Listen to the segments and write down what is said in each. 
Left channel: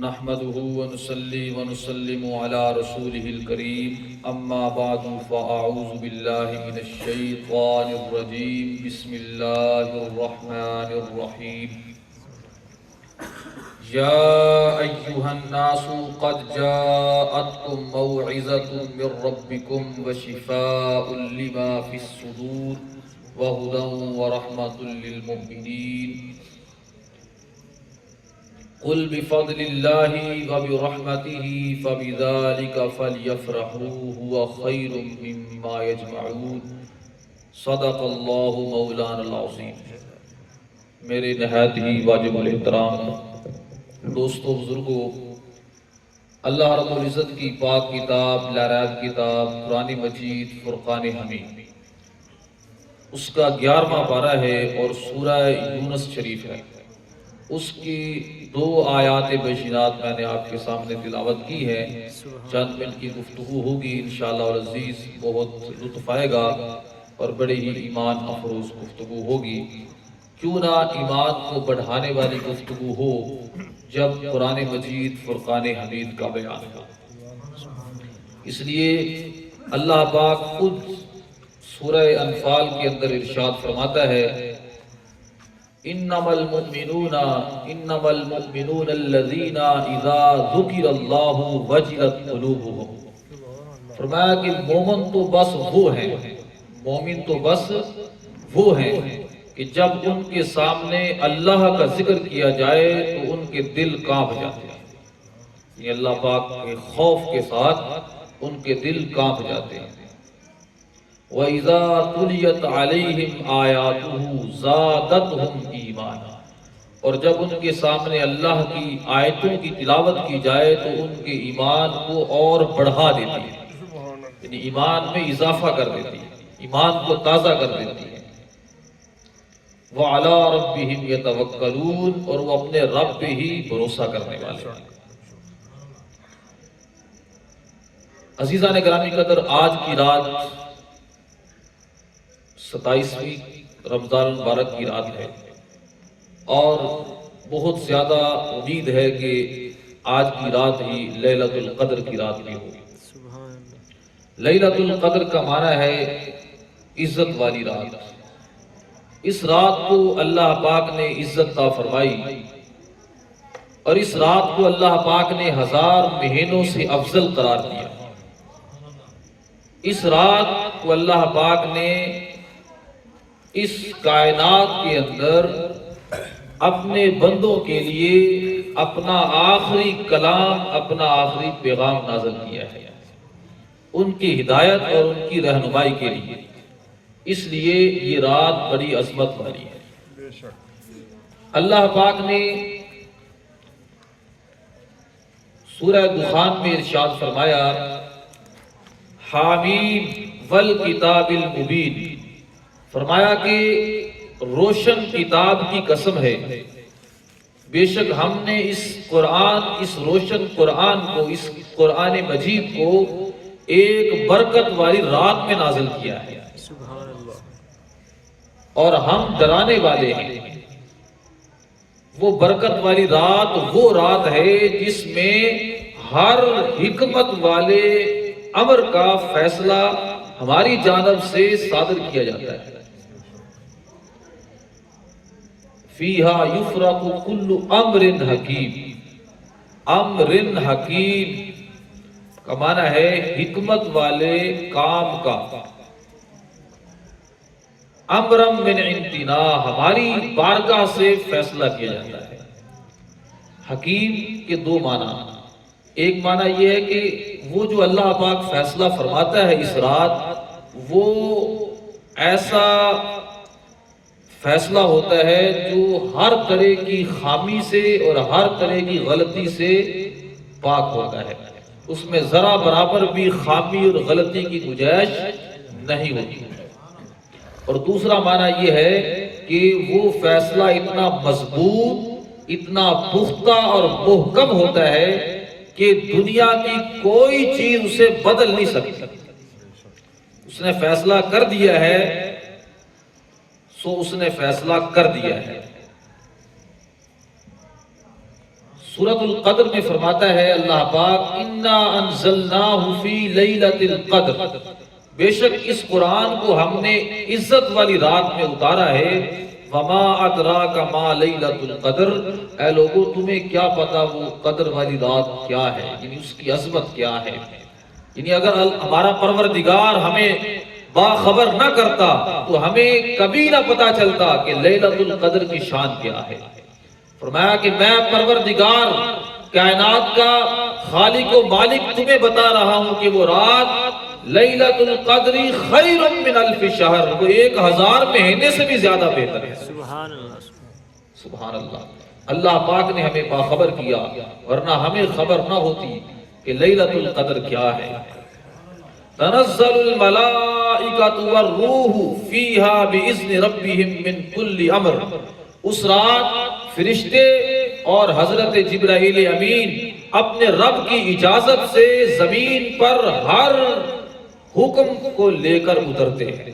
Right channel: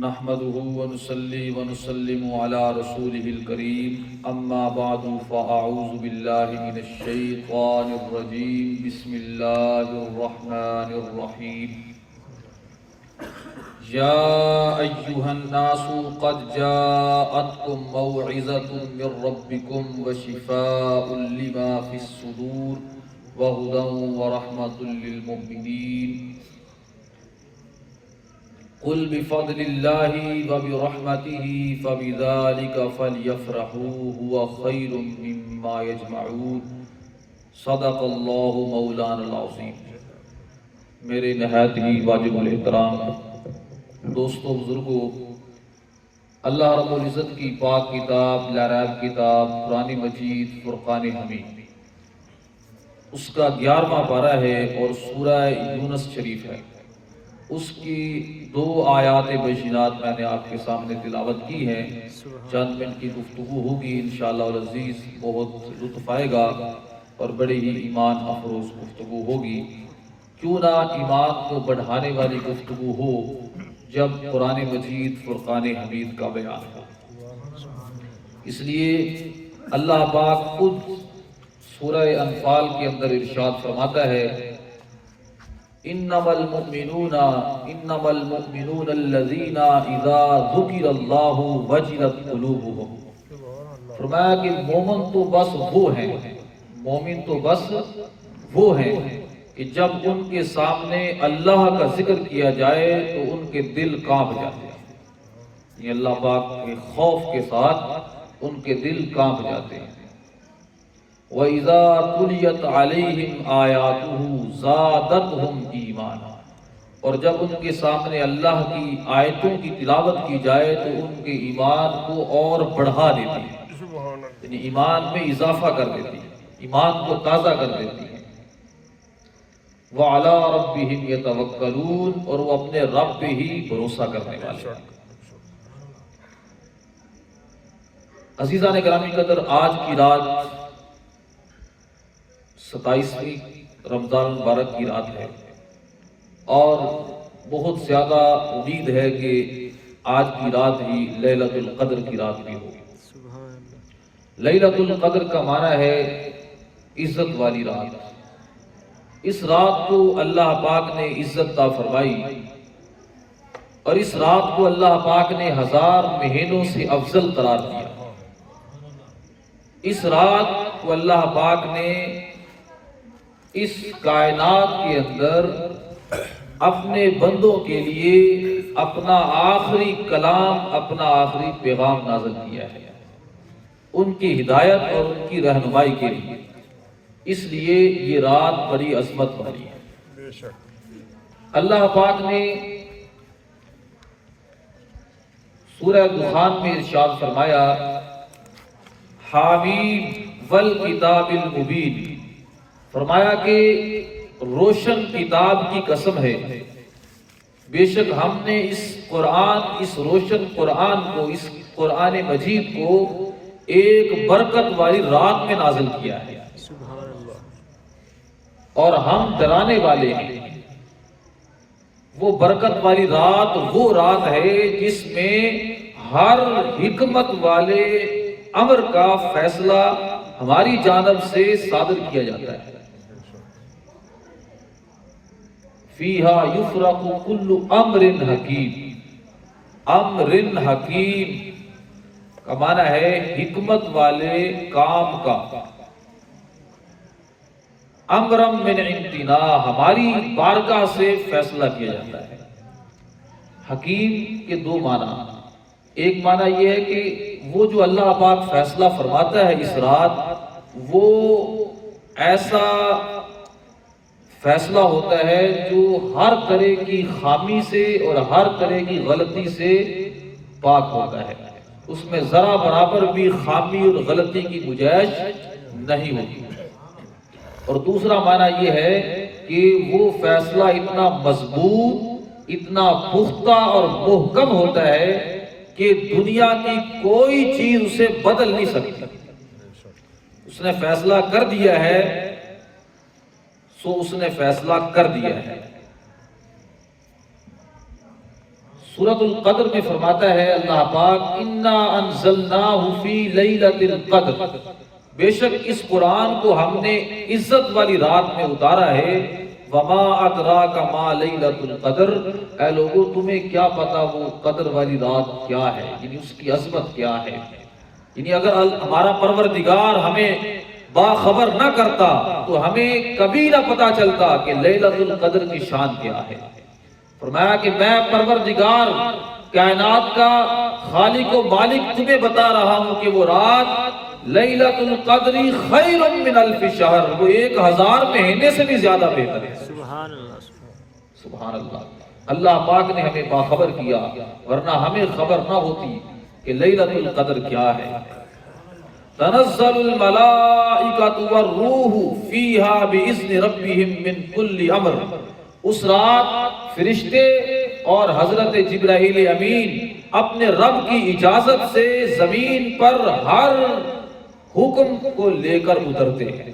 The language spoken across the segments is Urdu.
نحمده ونصلي ونسلم على رسوله الكريم اما بعد فاعوذ بالله من الشيطان الرجيم بسم الله الرحمن الرحيم يا أيها الناس قد جاءتكم موعظة من ربكم وشفاء لما في الصدور وهدى ورحمة للمؤمنين قل بفضل الله وبرحمته فبذلك فليفرحوا هو خير مما يجمعون صدق اللہ مولانا العظیم۔ میرے نہایت ہی واجب الاحترام دوستوں بزرگوں، اللہ رب العزت کی پاک کتاب لا ریب کتاب قرآن مجید فرقان حمید، اس کا 11واں پارہ ہے اور سورہ یونس شریف ہے۔ اس کی 2 آیات بشینات میں نے آپ کے سامنے تلاوت کی ہے۔ چند منٹ کی گفتگو ہوگی انشاءاللہ العزیز، بہت لطف آئے گا اور بڑے ہی ایمان افروز گفتگو ہوگی۔ کیوں نہ ایمان کو بڑھانے والی گفتگو ہو جب قرآن مجید فرقان حمید کا بیان ہو۔ اس لیے اللہ پاک خود سورہ انفال کے اندر ارشاد فرماتا ہے انما المؤمنون الذین اذا ذکر اللہ وجلت قلوبهم، فرمایا کہ مومن تو بس وہ ہیں، مومن تو بس وہ ہیں کہ جب ان کے سامنے اللہ کا ذکر کیا جائے تو ان کے دل کانپ جاتے ہیں، یہ اللہ پاک کے خوف کے ساتھ ان کے دل کانپ جاتے ہیں۔ وَإِذَا تُلِيَتْ عَلَيْهِمْ آيَاتُهُ زَادَتْهُمْ إِيمَانًا، اور جب ان کے سامنے اللہ کی آیتوں کی تلاوت کی جائے تو ان کے ایمان کو اور بڑھا دیتی ہے، یعنی ایمان میں اضافہ کر دیتی ہے، ایمان کو تازہ کر دیتی ہے۔ وَعَلَىٰ رَبِّهِمْ يَتَوَكَّلُونَ، اور وہ اپنے رب پہ ہی بھروسہ کرنے والے ہیں۔ عزیزان گرامی قدر، آج کی رات 27ویں رمضان المبارک کی رات ہے اور بہت زیادہ امید ہے کہ آج کی رات ہی لیلۃ القدر کی رات بھی ہوگی۔ لیلۃ القدر کا معنی ہے عزت والی رات۔ اس رات کو اللہ پاک نے عزت عطا فرمائی اور اس رات کو اللہ پاک نے 1000 مہینوں سے افضل قرار دیا۔ اس رات کو اللہ پاک نے اس کائنات کے اندر اپنے بندوں کے لیے اپنا آخری کلام، اپنا آخری پیغام نازل کیا ہے، ان کی ہدایت اور ان کی رہنمائی کے لیے۔ اس لیے یہ رات بڑی عظمت والی ہے۔ اللہ پاک نے سورہ دخان میں ارشاد فرمایا حامیم والکتاب المبین، فرمایا کہ روشن کتاب کی قسم ہے، بے شک ہم نے اس روشن قرآن کو، اس قرآن مجید کو ایک برکت والی رات میں نازل کیا ہے، اور ہم ڈرانے والے ہیں۔ وہ برکت والی رات وہ رات ہے جس میں ہر حکمت والے امر کا فیصلہ ہماری جانب سے صادر کیا جاتا ہے۔ فیہا یفرق کل امر حکیم، امر حکیم کا معنی ہے حکمت والے کام کا، امرم من عندنا، ہماری بارگاہ سے فیصلہ کیا جاتا ہے۔ حکیم کے 2 معنی، ایک معنی یہ ہے کہ وہ جو اللہ پاک فیصلہ فرماتا ہے اس رات، وہ ایسا فیصلہ ہوتا ہے جو ہر طرح کی خامی سے اور ہر طرح کی غلطی سے پاک ہوتا ہے، اس میں ذرا برابر بھی خامی اور غلطی کی گنجائش نہیں ہوتی۔ اور دوسرا معنی یہ ہے کہ وہ فیصلہ اتنا مضبوط، اتنا پختہ اور محکم ہوتا ہے کہ دنیا کی کوئی چیز اسے بدل نہیں سکتی۔ اس نے فیصلہ کر دیا ہے سو اس نے فیصلہ کر دیا ہے۔ سورۃ القدر میں فرماتا ہے اللہ پاک انا انزلناہ فی لیلۃ القدر، بے شک اس قرآن کو ہم نے عزت والی رات میں اتارا ہے۔ وما ادراک ما لیلۃ القدر، اے لوگوں تمہیں کیا پتا وہ قدر والی رات کیا ہے، یعنی اس کی عظمت کیا ہے۔ یعنی اگر ہمارا پروردگار ہمیں باخبر نہ کرتا تو ہمیں کبھی نہ پتا چلتا کہ لیلۃ القدر کی شان کیا ہے۔ فرمایا کہ میں پروردگار کائنات کا خالق و مالک تمہیں بتا رہا ہوں کہ وہ رات لیلۃ القدر خیر من الف شہر، وہ 1000 مہینے سے بھی زیادہ بہتر ہے۔ سبحان اللہ، سبحان اللہ۔ اللہ پاک نے ہمیں باخبر کیا، ورنہ ہمیں خبر نہ ہوتی کہ لیلۃ القدر کیا ہے۔ تنزل الملائکۃ والروح فیہا باذن ربہم من کل امر، اس رات فرشتے اور حضرت جبرائیل امین اپنے رب کی اجازت سے زمین پر ہر حکم کو لے کر اترتے ہیں۔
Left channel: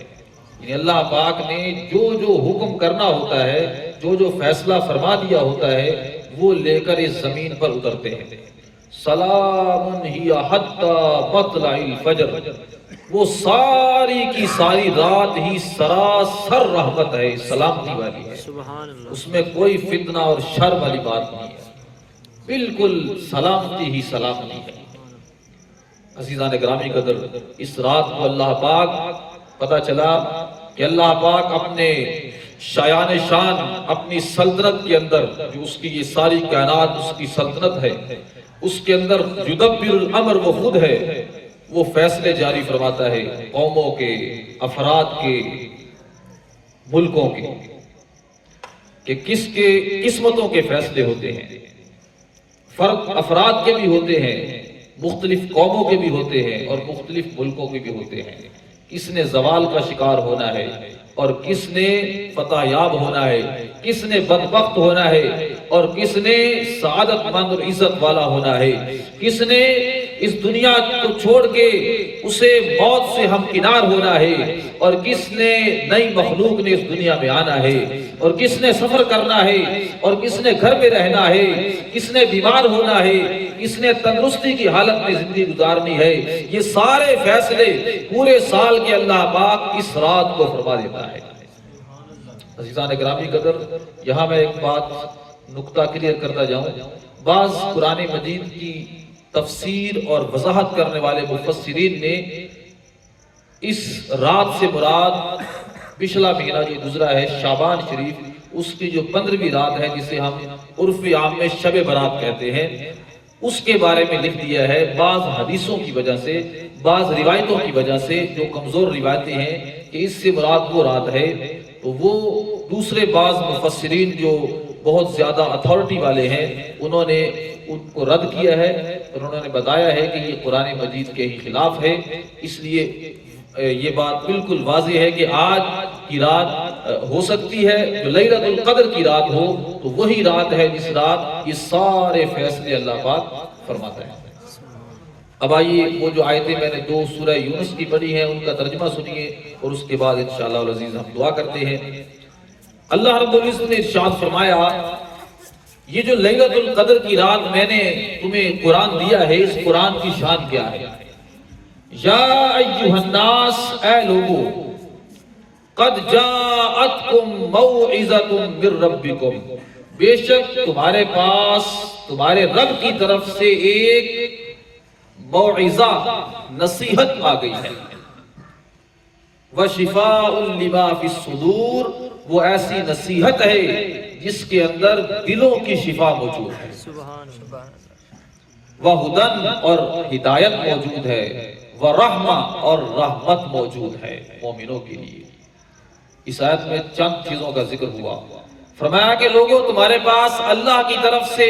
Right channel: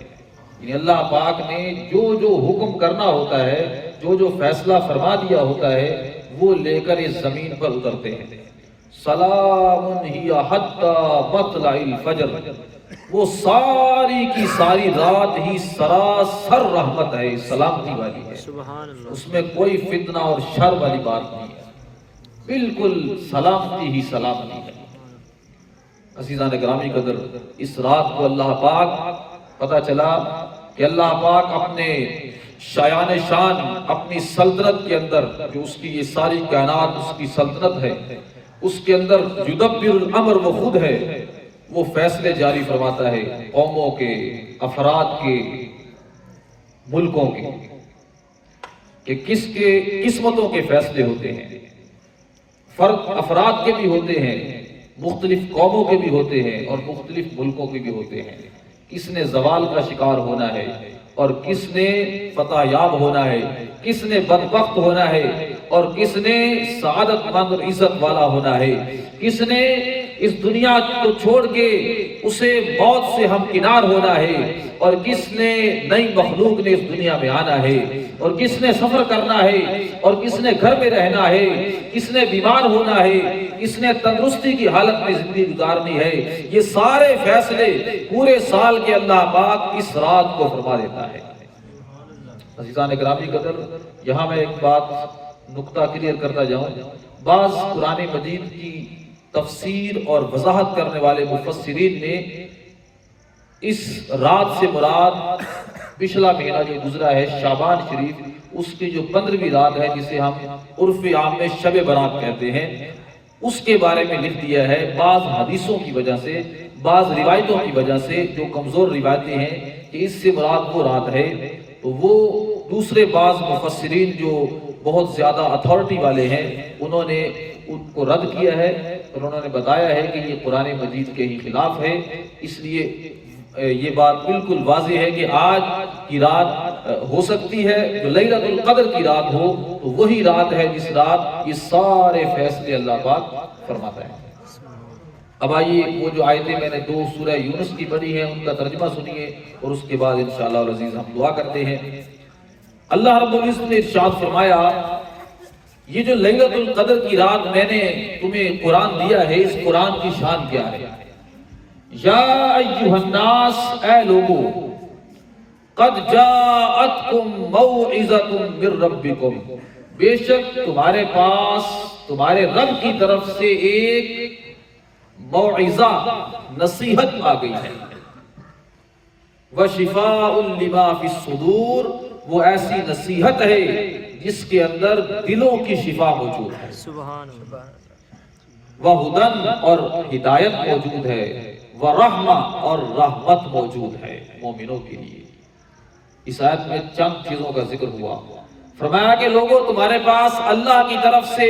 یعنی اللہ پاک نے جو جو حکم کرنا ہوتا ہے، جو جو فیصلہ فرما دیا ہوتا ہے، وہ لے کر اس زمین پر اترتے ہیں۔ سلام ہی حتی مطلع الفجر، وہ ساری کی ساری رات ہی سراسر رحمت ہے، سلامتی والی ہے، سبحان اللہ، اس میں کوئی فتنہ اور شر والی بات نہیں ہے، بالکل سلامتی ہی سلامتی ہے۔ عزیزان گرامی قدر، اس رات کو اللہ پاک پتہ چلا کہ اللہ پاک اپنے شایان شان اپنی سلطنت کے اندر، جو اس کی یہ ساری کائنات اس کی سلطنت ہے، اس کے اندر یدبر الامر وہ خود ہے، وہ فیصلے جاری فرماتا ہے قوموں کے، افراد کے، ملکوں کے، کہ کس کے قسمتوں کے فیصلے ہوتے ہیں، فرد افراد کے بھی ہوتے ہیں، مختلف قوموں کے بھی ہوتے ہیں اور مختلف ملکوں کے بھی ہوتے ہیں۔ کس نے زوال کا شکار ہونا ہے اور کس نے فتح یاب ہونا ہے، کس نے بدبخت ہونا ہے اور کس نے سعادت مند اور عزت والا ہونا ہے، کس نے اس دنیا کو چھوڑ کے اسے موت سے ہمکنار ہونا ہے اور کس نے نئی مخلوق نے اس دنیا میں آنا ہے اور کس نے سفر کرنا ہے اور کس نے گھر میں رہنا ہے، کس نے بیمار ہونا ہے، کس نے تندرستی کی حالت میں زندگی گزارنی ہے۔ یہ سارے فیصلے پورے سال کے اللہ پاک اس رات کو فرما دیتا ہے۔ عزیزان گرامی قدر، یہاں میں ایک بات نقطہ کلیئر کرتا جاؤں۔ بعض قرآن مجید کی تفسیر اور وضاحت کرنے والے مفسرین نے اس رات سے مراد پچھلا مہینہ جو گزرا ہے شعبان شریف، اس کی جو 15ویں رات ہے جسے ہم عرف عام میں شب برات کہتے ہیں، اس کے بارے میں لکھ دیا ہے۔ بعض حدیثوں کی وجہ سے، بعض روایتوں کی وجہ سے جو کمزور روایتیں ہیں کہ اس سے مراد وہ رات ہے، تو وہ دوسرے بعض مفسرین جو بہت زیادہ اتھارٹی والے ہیں انہوں نے ان کو رد کیا ہے اور انہوں نے بتایا ہے کہ یہ قرآن مجید کے ہی خلاف ہے۔ اس لیے یہ بات بالکل واضح ہے کہ آج کی رات ہو سکتی ہے جو لیلۃ القدر کی رات ہو تو وہی رات ہے جس رات یہ سارے فیصلے اللہ پاک فرماتا ہے۔ اب آئیے وہ جو آیتیں میں نے 2 سورہ یونس کی پڑھی ہیں ان کا ترجمہ سنیے اور اس کے بعد انشاءاللہ العزیز ہم دعا کرتے ہیں۔ اللہ رب العزت نے ارشاد فرمایا، یہ جو لیلۃ القدر کی رات میں نے تمہیں قرآن دیا ہے، اس قرآن کی شان کیا ہے؟ یا ایھا الناس، اے لوگو، قد جاءتکم موعظۃ من ربکم، بے شک تمہارے پاس تمہارے رب کی طرف سے ایک موعظہ، نصیحت آ گئی ہے۔ وشفاء لما فی الصدور، وہ ایسی نصیحت ہے جس کے اندر دلوں کی شفا موجود ہے۔ سبحان اللہ، وہدن، اور ہدایت موجود ہے، ورحمہ، اور رحمت موجود ہے مومنوں کے لیے۔ اس آیت میں چند چیزوں کا ذکر ہوا۔ فرمایا کہ لوگوں تمہارے پاس اللہ کی طرف سے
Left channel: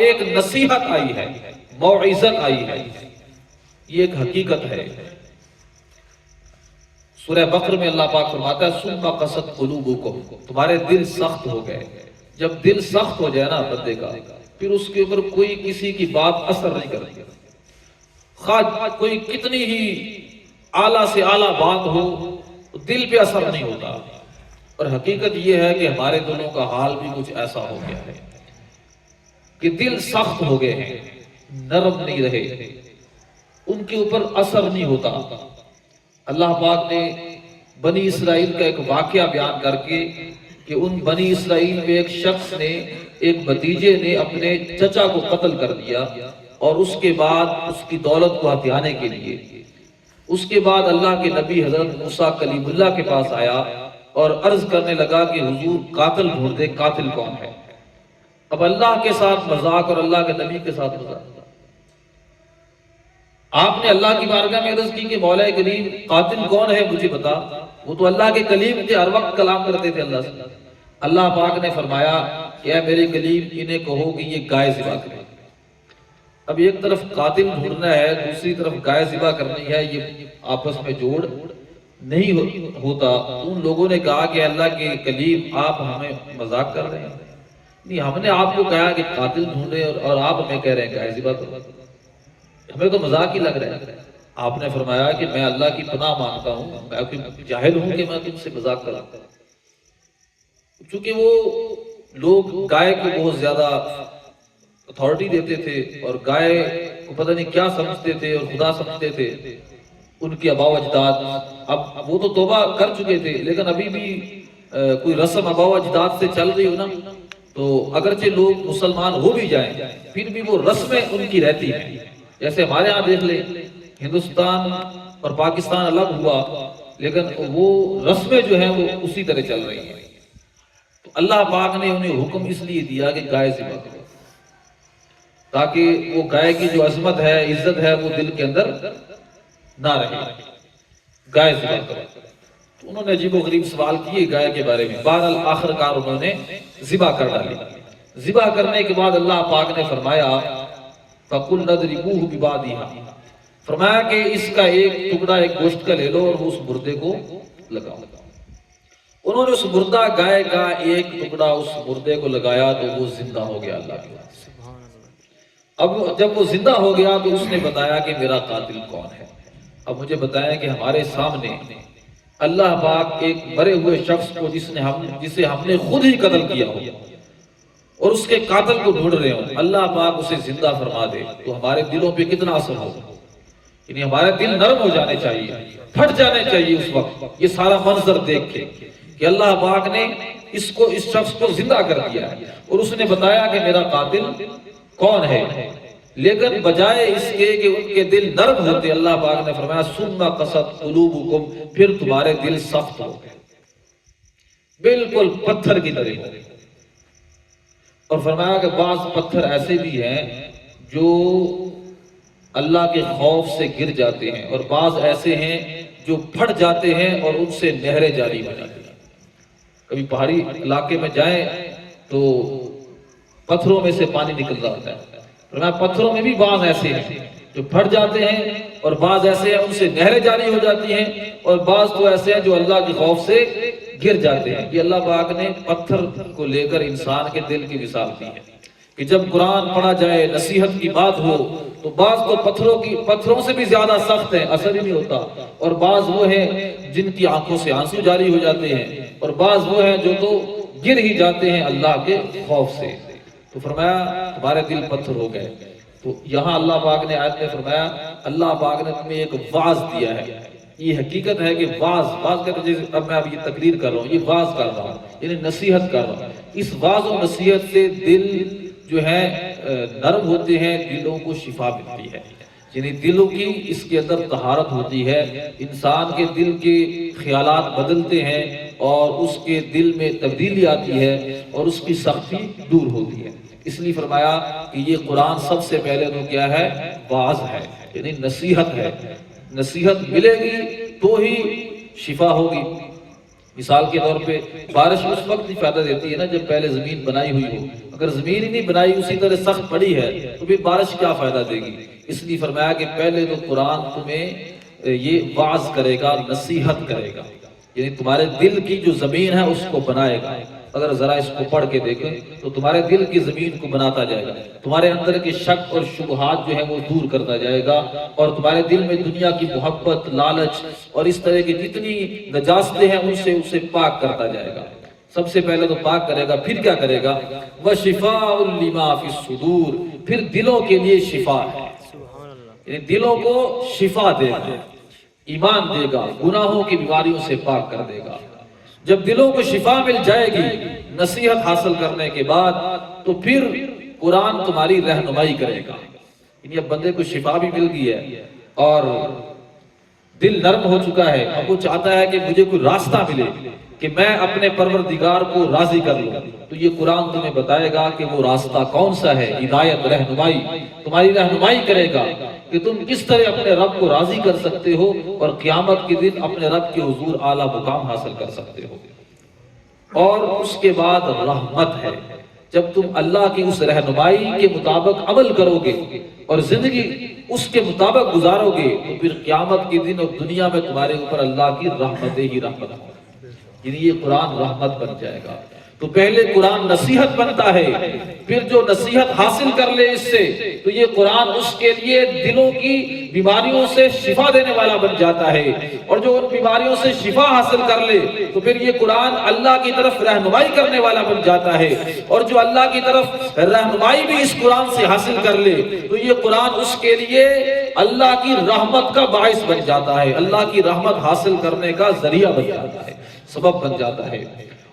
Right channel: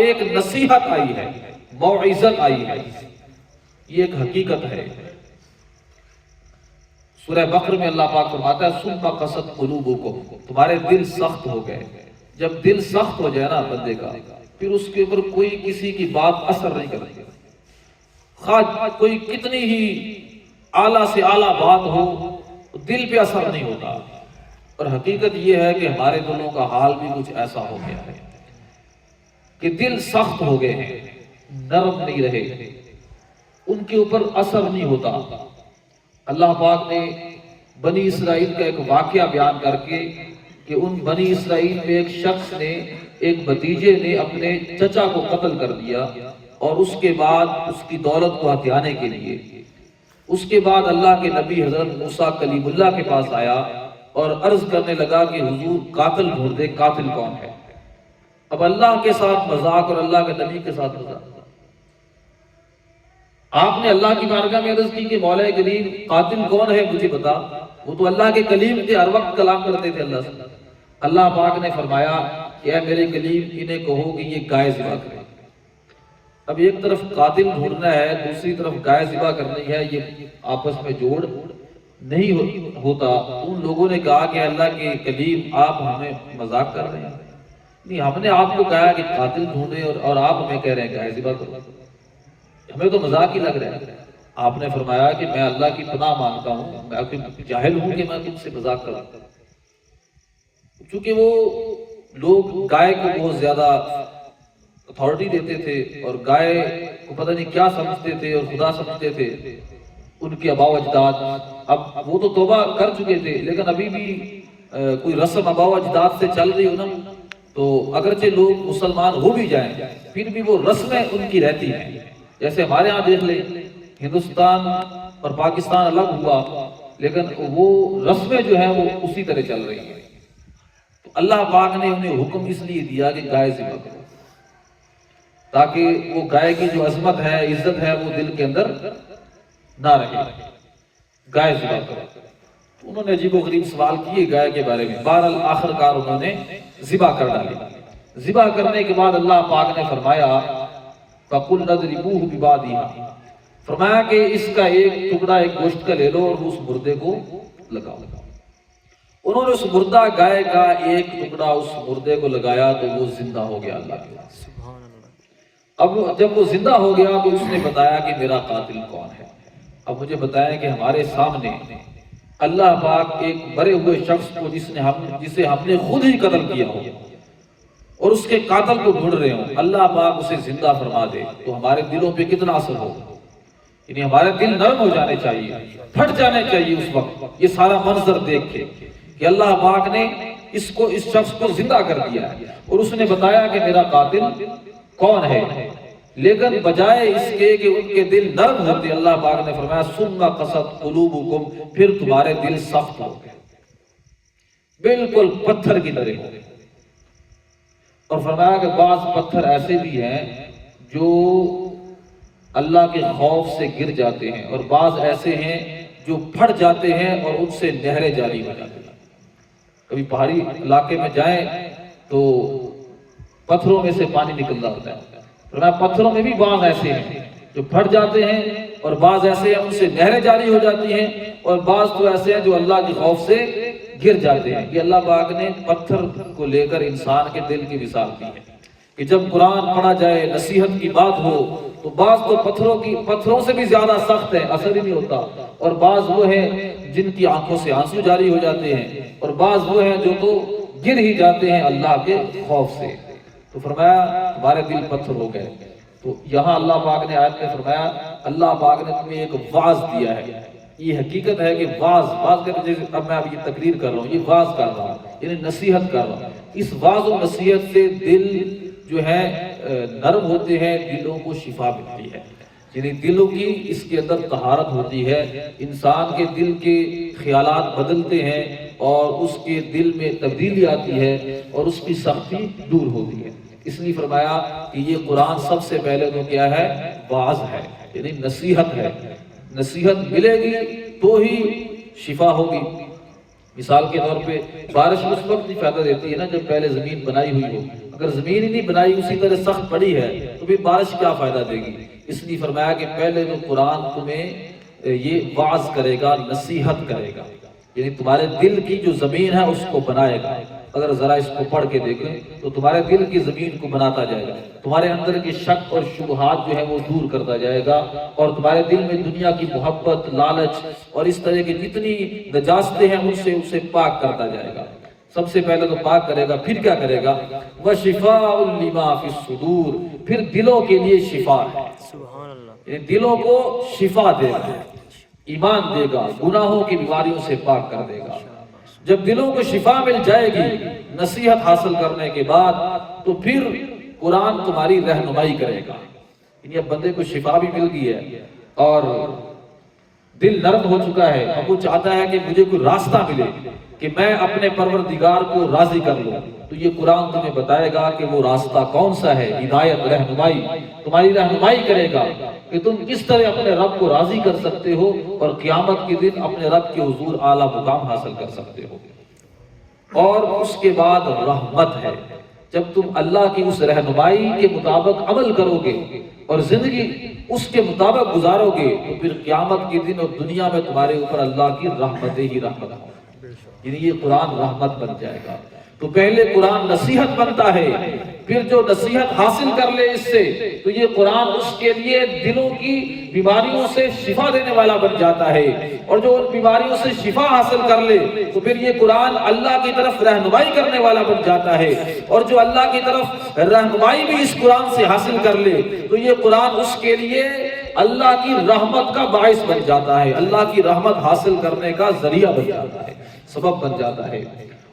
ایک نصیحت آئی ہے، موعظت آئی ہے، یہ ایک حقیقت ہے۔ سورہ بقرہ میں اللہ پاک فرماتا ہے ثم قست قلوبکم، تمہارے دل سخت ہو گئے۔ جب دل سخت ہو جائے نا بندے کا، پھر اس کے اوپر کوئی کسی کی بات اثر نہیں کرتی، خواہ کوئی کتنی ہی اعلیٰ سے اعلیٰ بات ہو دل پہ اثر نہیں ہوتا۔ اور حقیقت یہ ہے کہ ہمارے دلوں کا حال بھی کچھ ایسا ہو گیا ہے۔ کہ دل سخت ہو گئے ہیں، نرم نہیں رہے، ان کے اوپر اثر نہیں ہوتا۔ اللہ پاک نے بنی اسرائیل کا ایک واقعہ بیان کر کے کہ ان بنی اسرائیل میں ایک شخص نے، ایک بھتیجے نے اپنے چچا کو قتل کر دیا، اور اس کے بعد اس کی دولت کو ہتھیانے کے لیے اس کے بعد اللہ کے نبی حضرت موسیٰ کلیم اللہ کے پاس آیا اور عرض کرنے لگا کہ حضور قاتل ڈھونڈ دے، قاتل کون ہے؟ اب اللہ کے ساتھ مذاق اور اللہ کے نبی کے ساتھ مذاق۔ آپ نے اللہ کی بارگاہ میں عرض کی کہ مولا کریم قاتل کون ہے مجھے بتا۔ وہ تو اللہ کے کلیم تھے، ہر وقت کلام کرتے تھے اللہ سے۔ اللہ پاک نے فرمایا کہ اے میرے کلیم انہیں کہو کہ یہ گائے ذبح کریں۔ اب ایک طرف قاتل ڈھونڈنا ہے، دوسری طرف گائے ذبح کرنی ہے، یہ آپس میں جوڑ نہیں ہوتا۔ ان لوگوں نے کہا کہ اللہ کے کلیم آپ ہمیں مذاق کر رہے ہیں؟ نہیں، ہم نے آپ کو کہا کہ قاتل ڈھونڈیں اور آپ ہمیں کہہ رہے ہیں گائے ذبح کرو، ہمیں تو مذاق ہی لگ رہا ہے۔ آپ نے فرمایا کہ میں اللہ کی پناہ مانگتا ہوں، میں جاہل ہوں کہ میں تم سے مذاق کروں۔ چونکہ وہ لوگ گائے کو بہت زیادہ اتھارٹی دیتے تھے اور گائے کو پتہ نہیں کیا سمجھتے تھے اور خدا سمجھتے تھے ان کے آباء و اجداد۔ اب وہ تو توبہ کر چکے تھے، لیکن ابھی بھی کوئی رسم آباء و اجداد سے چل رہی ہو نا، تو اگرچہ لوگ مسلمان ہو بھی جائیں پھر بھی وہ رسمیں ان کی رہتی ہیں۔ جیسے ہمارے ہاں دیکھ لیں، ہندوستان اور پاکستان الگ ہوا لیکن وہ رسمیں جو ہیں وہ اسی طرح چل رہی ہیں۔ تو اللہ پاک نے انہیں حکم اس لیے دیا کہ گائے ذبح کرو، تاکہ وہ گائے کی جو عظمت ہے، عزت ہے، وہ دل کے اندر نہ رہے۔ گائے ذبح کرو۔ تو انہوں نے عجیب و غریب سوال کیے گائے کے بارے میں، بہرحال آخر کار انہوں نے ذبح کر ڈالی۔ ذبح کرنے کے بعد اللہ پاک نے فرمایا فَقُلْ نَضْرِبُوهُ بِبَعْضِهَا، فرمایا کہ اس کا ایک ٹکڑا ایک گوشت کا لے لو اور اس مردے کو لگاؤ۔ انہوں نے اس مردہ گائے کا ایک ٹکڑا اس مردے کو لگایا تو وہ زندہ ہو گیا اللہ کے واسطے۔ اب جب وہ زندہ ہو گیا تو اس نے بتایا کہ میرا قاتل کون ہے۔ اب مجھے بتایا کہ ہمارے سامنے اللہ پاک ایک مرے ہوئے شخص کو جسے ہم نے خود ہی قتل کیا ہو اور اس کے قاتل کو ڈھونڈ رہے ہوں، اللہ پاک اسے زندہ فرما دے تو ہمارے دلوں پہ کتنا اثر ہو۔ یعنی ہمارے دل نرم ہو جانے چاہیے، پھٹ جانے چاہیے اس وقت یہ سارا منظر دیکھ کے کہ اللہ پاک نے اس شخص کو زندہ کر دیا ہے اور اس نے بتایا کہ میرا قاتل کون ہے۔ لیکن بجائے اس کے کہ ان کے دل نرم ہوتے، اللہ پاک نے فرمایا ثم قست قلوبکم، پھر تمہارے دل سخت ہو گئے، بالکل پتھر کی طرح ہو گئے۔ اور فرمایا کہ بعض پتھر ایسے بھی ہیں جو اللہ کے خوف سے گر جاتے ہیں اور بعض ایسے ہیں جو پھٹ جاتے ہیں اور ان سے نہریں جاری ہو جاتی ہیں۔ کبھی پہاڑی علاقے میں جائیں تو پتھروں میں سے پانی نکل رہا ہوتا ہے، فرمایا پتھروں میں بھی بعض ایسے ہیں جو پھٹ جاتے ہیں اور بعض ایسے ہیں ان سے نہریں جاری ہو جاتی ہیں، اور بعض تو ایسے ہیں جو اللہ کے خوف سے گر جاتے ہیں۔ یہ اللہ پاک نے پتھر کو لے کر انسان کے دل کی مثال دی ہے کہ جب قرآن پڑھا جائے، نصیحت کی بات ہو تو بعض تو پتھروں سے بھی زیادہ سخت ہیں، اثر ہی نہیں ہوتا، اور بعض وہ ہیں جن کی آنکھوں سے آنسو جاری ہو جاتے ہیں، اور بعض وہ ہیں جو تو گر ہی جاتے ہیں اللہ کے خوف سے۔ تو فرمایا تمہارے دل پتھر ہو گئے۔ تو یہاں اللہ پاک نے آیت میں فرمایا اللہ پاک نے تمہیں ایک واعظ دیا ہے۔ یہ حقیقت ہے کہ واعظ کرتے، اب میں یہ تقریر کر رہا ہوں، یہ واعظ کر رہا ہوں، یعنی نصیحت کر رہا ہوں۔ اس واعظ و نصیحت سے دل جو ہے نرم ہوتے ہیں، دلوں کو شفا ملتی ہے، یعنی دلوں کی اس کے اندر طہارت ہوتی ہے، انسان کے دل کے خیالات بدلتے ہیں اور اس کے دل میں تبدیلی آتی ہے اور اس کی سختی دور ہوتی ہے۔ اس لیے فرمایا کہ یہ قرآن سب سے پہلے تو کیا ہے؟ واعظ ہے، یعنی نصیحت ہے۔ نصیحت ملے گی تو ہی شفا ہوگی۔ مثال کے طور پہ بارش اس وقت بھی فائدہ دیتی ہے نا جب پہلے زمین بنائی ہوئی ہو، اگر زمین ہی نہیں بنائی اسی طرح سخت پڑی ہے تو پھر بارش کیا فائدہ دے گی۔ اس لیے فرمایا کہ پہلے تو قرآن تمہیں یہ واعظ کرے گا، نصیحت کرے گا، یعنی تمہارے دل کی جو زمین ہے اس کو بنائے گا۔ اگر ذرا اس کو پڑھ کے دیکھیں تو تمہارے دل کی زمین کو بناتا جائے گا، تمہارے اندر کے شک اور شبہات جو ہیں وہ دور کرتا جائے گا، اور تمہارے دل میں دنیا کی محبت، لالچ اور اس طرح کی جتنی نجاستیں ہیں ان سے اسے پاک کرتا جائے گا۔ سب سے پہلے تو پاک کرے گا، پھر کیا کرے گا؟ وَشِفَاءٌ لِمَا فِي الصُّدُورِ، پھر دلوں کے لیے شفا ہے، یعنی دلوں کو شفا دے گا، ایمان دے گا، گناہوں کی بیماریوں سے پاک کر دے گا۔ جب دلوں کو شفا مل جائے گی نصیحت حاصل کرنے کے بعد، تو پھر قرآن تمہاری رہنمائی کرے گا۔ یعنی اب بندے کو شفا بھی مل گئی ہے اور دل نرم ہو چکا ہے، اب وہ چاہتا ہے کہ مجھے کوئی راستہ ملے کہ میں اپنے پروردگار کو راضی کر لوں، تو یہ قرآن تمہیں بتائے گا کہ وہ راستہ کون سا ہے۔ ہدایت، رہنمائی، تمہاری رہنمائی کرے گا کہ تم کس طرح اپنے رب کو راضی کر سکتے ہو اور قیامت کے دن اپنے رب کے حضور اعلیٰ مقام حاصل کر سکتے ہو۔ اور اس کے بعد رحمت ہے، جب تم اللہ کی اس رہنمائی کے مطابق عمل کرو گے اور زندگی اس کے مطابق گزارو گے، تو پھر قیامت کے دن اور دنیا میں تمہارے اوپر اللہ کی رحمت ہی رحمت ہو، یعنی یہ قرآن رحمت بن جائے گا۔ تو پہلے قرآن نصیحت بنتا ہے، پھر جو نصیحت حاصل کر لے اس سے، تو یہ قرآن اس کے لیے دلوں کی بیماریوں سے شفا دینے والا بن جاتا ہے، اور جو ان بیماریوں سے شفا حاصل کر لے تو پھر یہ قرآن اللہ کی طرف رہنمائی کرنے والا بن جاتا ہے، اور جو اللہ کی طرف رہنمائی بھی اس قرآن سے حاصل کر لے تو یہ قرآن اس کے لیے اللہ کی رحمت کا باعث بن جاتا ہے، اللہ کی رحمت حاصل کرنے کا ذریعہ بن جاتا ہے، سبب بن جاتا ہے۔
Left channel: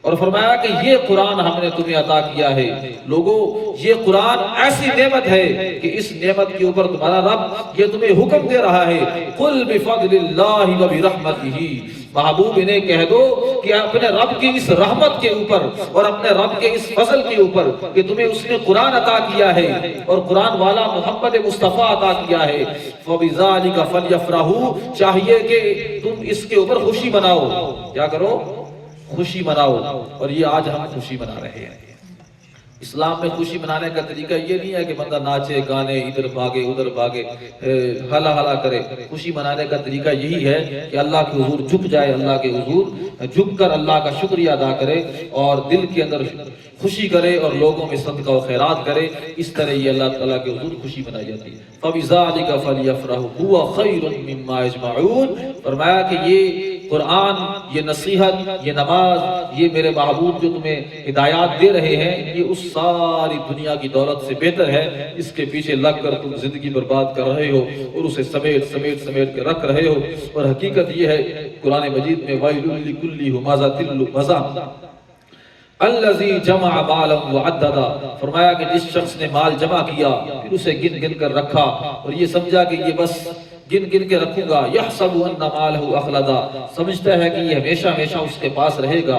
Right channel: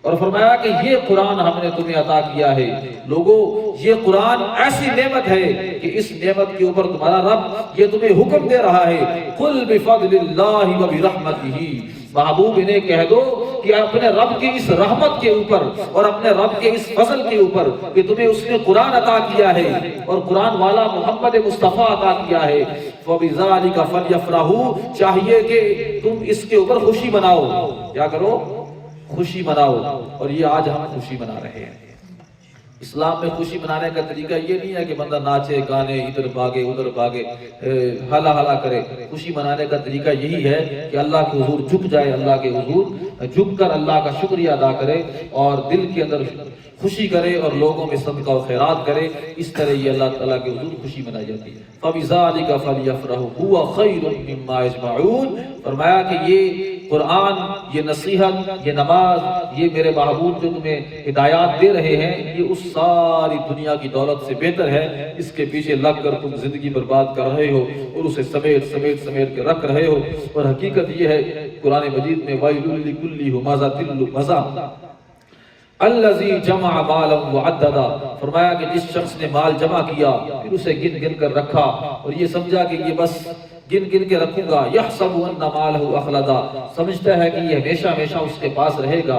اور فرمایا کہ یہ قرآن ہم نے تمہیں عطا کیا ہے، لوگو یہ قرآن ایسی نعمت ہے کہ اس نعمت کے اوپر تمہارا رب یہ تمہیں حکم دے رہا ہے، قُلْ بِفَضْلِ اللَّهِ وَبِرَحْمَتِهِ، محبوب انہیں کہہ دو کہ اپنے رب کی اس رحمت کے اوپر اور اپنے رب کے اس فضل کے اوپر کہ تمہیں اس نے قرآن عطا کیا ہے اور قرآن والا محمد مصطفیٰ عطا کیا ہے، فَبِذَلِكَ فَلْيَفْرَحُوا، چاہیے کہ تم اس کے اوپر خوشی مناؤ۔ کیا کرو؟ خوشی مناؤ۔ اور یہ آج ہم خوشی منا رہے ہیں۔ اسلام میں خوشی منانے کا طریقہ یہ نہیں ہے کہ بندہ ناچے گانے، ادھر بھاگے ادھر بھاگے، ہلا ہلا کرے۔ خوشی منانے کا طریقہ یہی ہے کہ اللہ کے حضور جھک جائے، اللہ کے حضور جھک کر اللہ کا شکریہ ادا کرے اور دل کے اندر خوشی کرے اور لوگوں میں صدقہ و خیرات کرے۔ اس طرح یہ اللہ تعالیٰ کے حضور خوشی منائی جاتی ہے۔ فَبِذَلِكَ فَلْيَفْرَحُوا هُوَ خَيْرٌ مِّمَّا يَجْمَعُونَ، فرمایا کہ یہ قرآن، یہ نصیحت، یہ نماز، یہ میرے محبوب جو تمہیں ہدایات دے رہے ہیں، یہ اس ساری دنیا کی دولت سے بہتر ہے۔ اس کے پیچھے لگ کر تم زندگی برباد کر رہے ہو اور اسے سمیٹ کے رکھ رہے ہو، اور حقیقت یہ ہے قرآن مجید میں وَيْلٌ لِكُلِّ ہُمَزَةٍ لُمَزَةٍ الذی جمع مالا وعددا، فرمایا کہ جس شخص نے مال جمع کیا پھر اسے گن گن کر رکھا اور یہ سمجھا کہ یہ بس گن گن کے رکھوں گا، یحسب ان مالہ اخلدا، سمجھتا ہے کہ یہ ہمیشہ ہمیشہ اس کے پاس رہے گا۔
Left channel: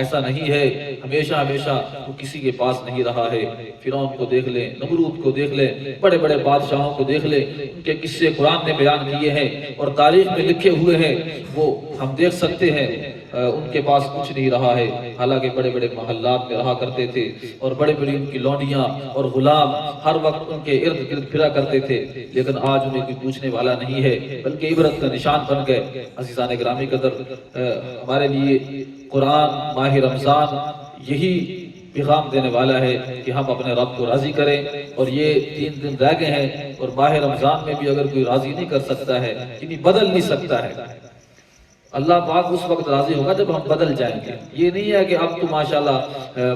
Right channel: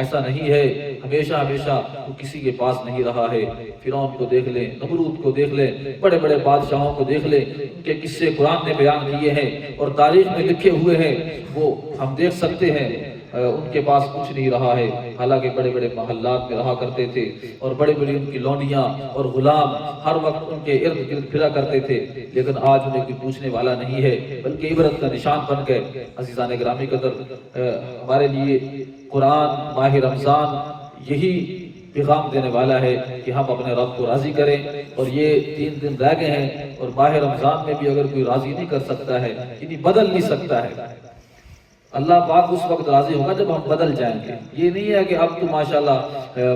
ایسا نہیں ہے، ہمیشہ ہمیشہ وہ کسی کے پاس نہیں رہا ہے۔ فرعون کو دیکھ لیں، نمرود کو دیکھ لیں، بڑے بڑے بادشاہوں کو دیکھ لیں، ان کے قصے قرآن نے بیان کیے ہیں اور تاریخ میں لکھے ہوئے ہیں، وہ ہم دیکھ سکتے ہیں ان کے پاس کچھ نہیں رہا ہے، حالانکہ بڑے بڑے محلات میں رہا کرتے تھے اور بڑے بڑی ان کی لونڈیاں اور غلام ہر وقت ان کے ارد گرد پھرا کرتے تھے، لیکن آج انہیں کوئی پوچھنے والا نہیں ہے، بلکہ عبرت کا نشان بن گئے۔ عزیزان گرامی قدر، ہمارے لیے قرآن ماہ رمضان یہی پیغام دینے والا ہے کہ ہم اپنے رب کو راضی کریں، اور یہ 3 دن رہ گئے ہیں اور ماہ رمضان میں بھی اگر کوئی راضی نہیں کر سکتا ہے، یعنی بدل نہیں سکتا ہے، اللہ پاک اس وقت راضی ہوگا جب ہم بدل جائیں گے۔ یہ نہیں ہے کہ اب تو ماشاءاللہ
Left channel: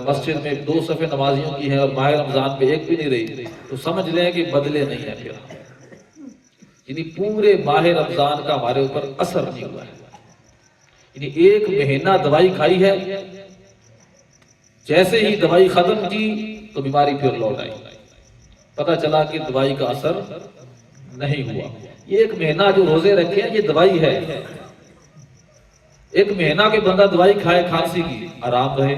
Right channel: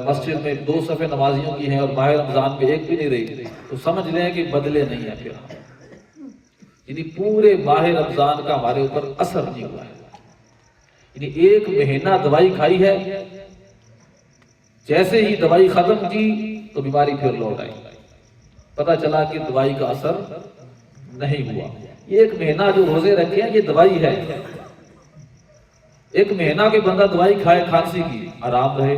مسجد میں 2 صفیں نمازیوں کی ہیں اور ماہ رمضان میں ایک بھی نہیں رہی، تو سمجھ لیں کہ بدلے نہیں ہیں پھر ہم، یعنی پورے ماہ رمضان کا ہمارے اوپر اثر نہیں ہوا ہے، یعنی 1 مہینہ دوائی کھائی ہے، جیسے ہی دوائی ختم کی تو بیماری پھر لوٹ آئی، پتہ چلا کہ دوائی کا اثر نہیں ہوا۔ یہ 1 مہینہ جو روزے رکھے ہیں یہ دوائی ہے، 1 مہینہ کے بندہ دوائی کھائے کھانسی کی، آرام رہے،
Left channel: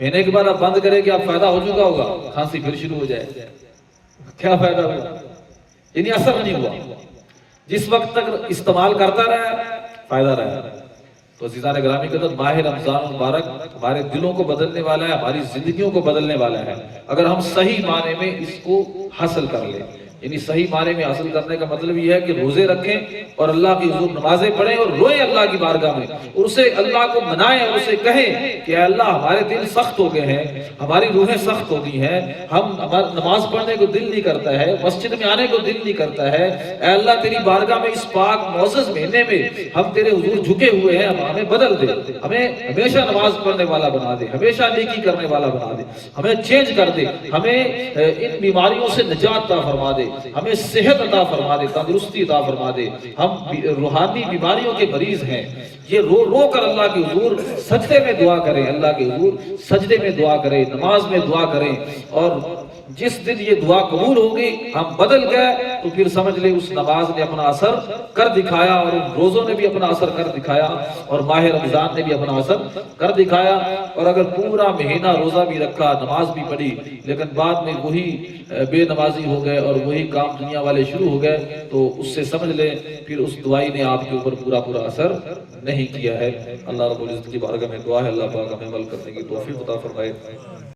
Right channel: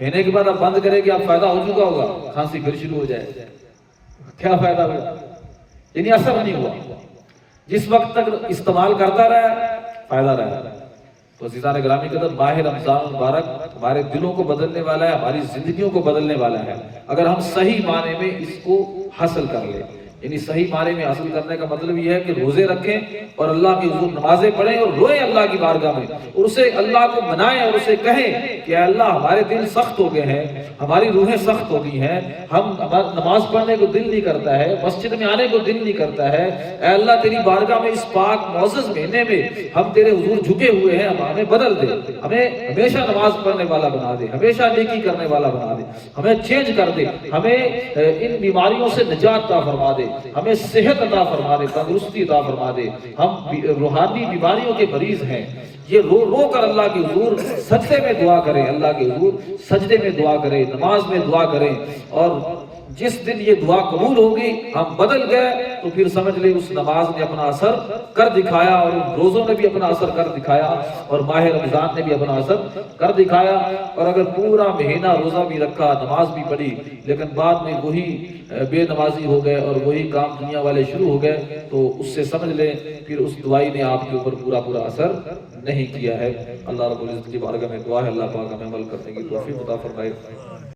مہینے کے بعد اب بند کرے کہ اب فائدہ ہو چکا ہوگا، کھانسی پھر شروع ہو جائے، کیا فائدہ ہوا؟ یعنی اثر نہیں ہوا۔ جس وقت تک استعمال کرتا رہا فائدہ رہا۔ تو عزیزان گرامی قدر، ماہ رمضان مبارک ہمارے دلوں کو بدلنے والا ہے، ہماری زندگیوں کو بدلنے والا ہے، اگر ہم صحیح معنی میں اس کو حاصل کر لیں۔ یعنی صحیح معنی میں حاصل کرنے کا مطلب یہ ہے کہ روزے رکھیں اور اللہ کی حضور نمازیں پڑھیں اور روئیں اللہ کی بارگاہ میں، اور اسے اللہ کو منائیں اور اسے کہیں کہ اے اللہ ہمارے دل سخت ہو گئے ہیں، ہماری روحیں سخت ہو گئی ہیں، ہم نماز پڑھنے کو دل نہیں کرتا ہے، مسجد میں آنے کو دل نہیں کرتا ہے، اے اللہ تیری بارگاہ میں اس پاک معزز مہینے میں ہم تیرے حضور جھکے ہوئے ہیں، ہمیں بدل دے، ہمیں ہمیشہ نماز پڑھنے والا بنا دے، ہمیشہ نیکی کرنے والا بنا دے، ہمیں چینج کر دے، ہمیں ان بیماریوں سے نجات عطا فرما دے، ہمیں صحت عطا فرما دے، تندرستی عطا فرما دے، ہم روحانی بیماریوں کے مریض ہیں۔ یہ رو رو کر اللہ کے حضور سجدے میں دعا کریں، اللہ کے حضور سجدے میں دعا کریں، نماز میں دعا کریں، اور جس دن یہ دعا قبول ہوگی ہم بدل گئے تو پھر سمجھ لیں اس نماز نے اپنا اثر کر دکھایا، اور ان روزوں نے بھی اپنا اثر کر دکھایا، اور ماہ رمضان نے بھی اپنا اثر کر دکھایا۔ اور اگر پورا مہینہ روزہ بھی رکھا، نماز بھی پڑھی، لیکن بعد میں وہی بے نمازی ہو گئے اور وہی کام دنیا والے شروع ہو گئے، تو اس سے سمجھ لیں پھر اس دعائی نے آپ کے اوپر پورا اثر نہیں کیا ہے۔ اللہ رب العزت کی بارگاہ میں دعا ہے اللہ پاک ہمیں عمل کرنے کی توفیق عطا فرمائے۔